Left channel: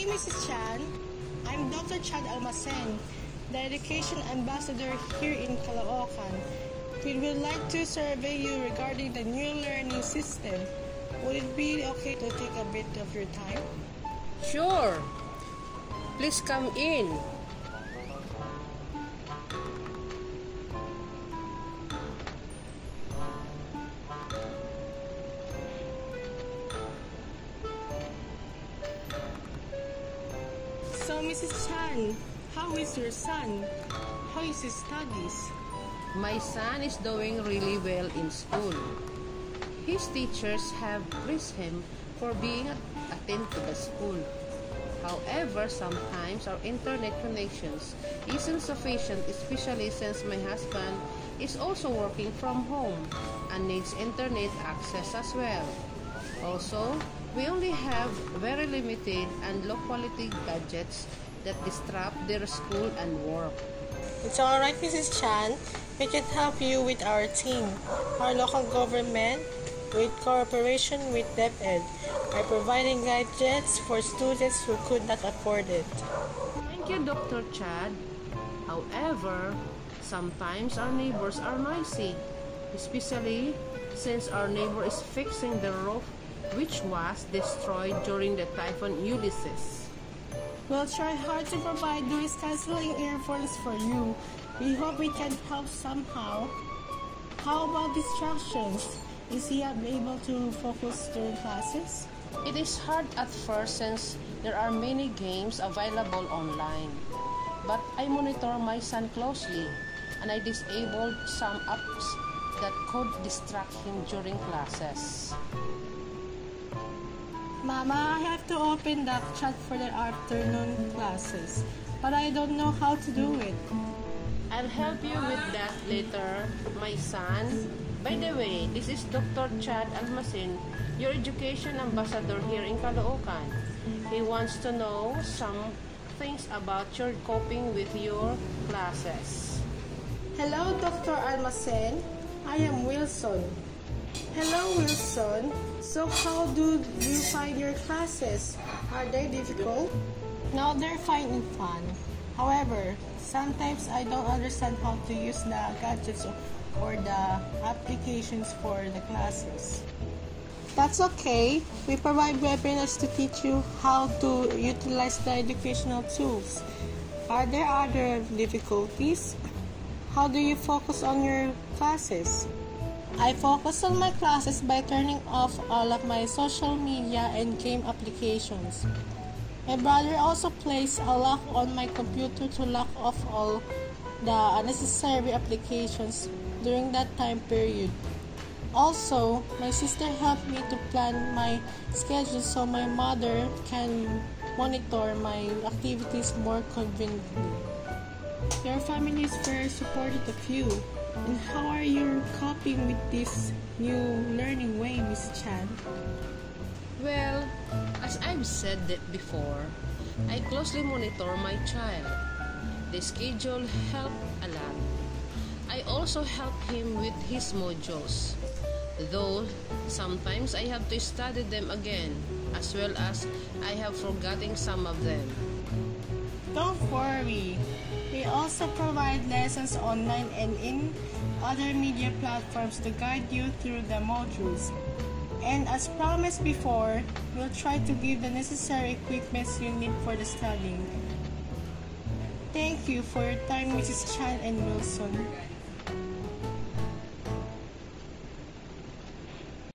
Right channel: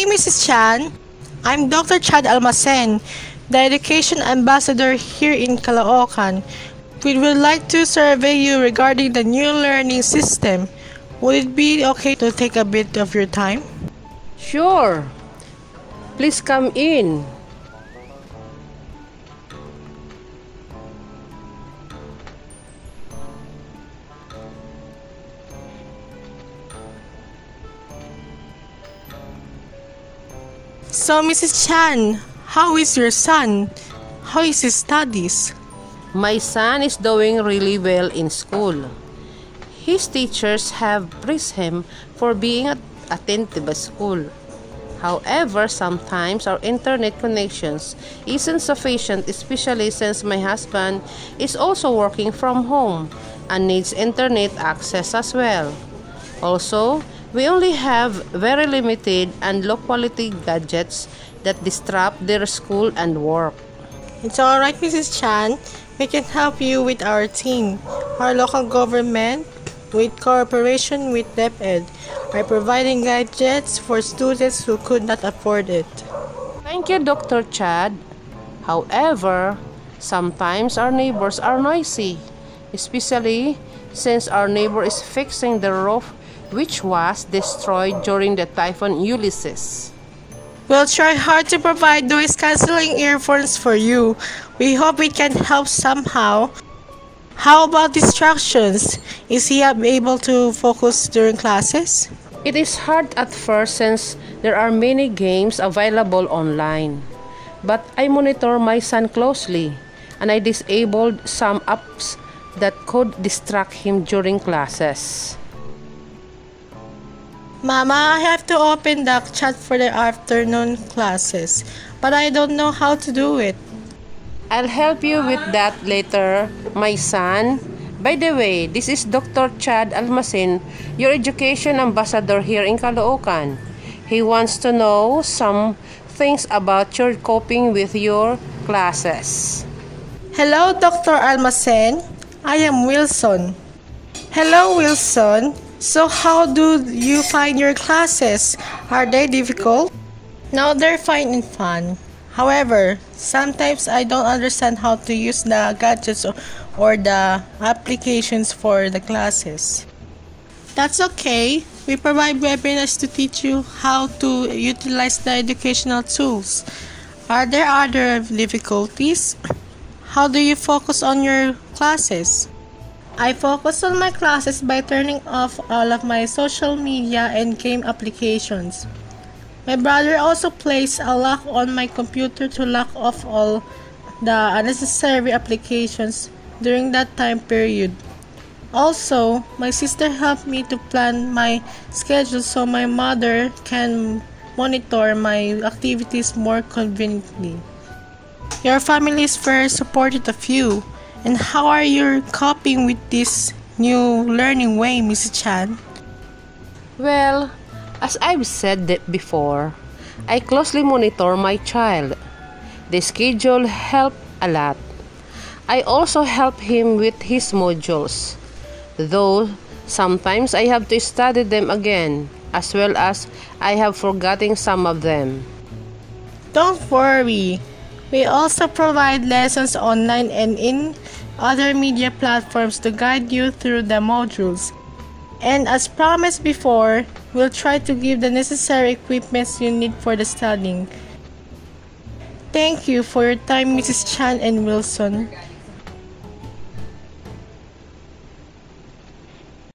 Hey, Mrs. Chan. I'm Dr. Chad Almacen, the Education Ambassador here in Caloocan. We would like to survey you regarding the new learning system. Would it be okay to take a bit of your time? Sure. Please come in. So, Mrs. Chan, how is your son? How is his studies? My son is doing really well in school. His teachers have praised him for being attentive at school. However, sometimes our internet connections isn't sufficient, especially since my husband is also working from home and needs internet access as well. Also, we only have very limited and low-quality gadgets that disrupt their school and work. It's alright, Mrs. Chan. We can help you with our team. Our local government, with cooperation with DepEd, are providing gadgets for students who could not afford it. Thank you, Dr. Chad. However, sometimes our neighbors are noisy, especially since our neighbor is fixing the roof which was destroyed during the Typhoon Ulysses. We'll try hard to provide noise-canceling earphones for you. We hope it can help somehow. How about distractions? Is he able to focus during classes? It is hard at first since there are many games available online. But I monitor my son closely and I disabled some apps that could distract him during classes. Mama, I have to open the chat for the afternoon classes, but I don't know how to do it. I'll help you with that later, my son. By the way, this is Dr. Chad Almacen, your education ambassador here in Caloocan. He wants to know some things about your coping with your classes. Hello, Dr. Almacen. I am Wilson. Hello, Wilson. So how do you find your classes? Are they difficult? No, they're fine and fun. However, sometimes I don't understand how to use the gadgets or the applications for the classes. That's okay. We provide webinars to teach you how to utilize the educational tools. Are there other difficulties? How do you focus on your classes? I focus on my classes by turning off all of my social media and game applications. My brother also places a lock on my computer to lock off all the unnecessary applications during that time period. Also, my sister helped me to plan my schedule so my mother can monitor my activities more conveniently. Your family is very supportive of you. And how are you coping with this new learning way, Mrs. Chan? Well, as I've said that before, I closely monitor my child. The schedule helped a lot. I also help him with his modules, though sometimes I have to study them again, as well as I have forgotten some of them. Don't worry. We also provide lessons online and in other media platforms to guide you through the modules. And as promised before, we'll try to give the necessary equipments you need for the studying. Thank you for your time, Mrs. Chan and Wilson.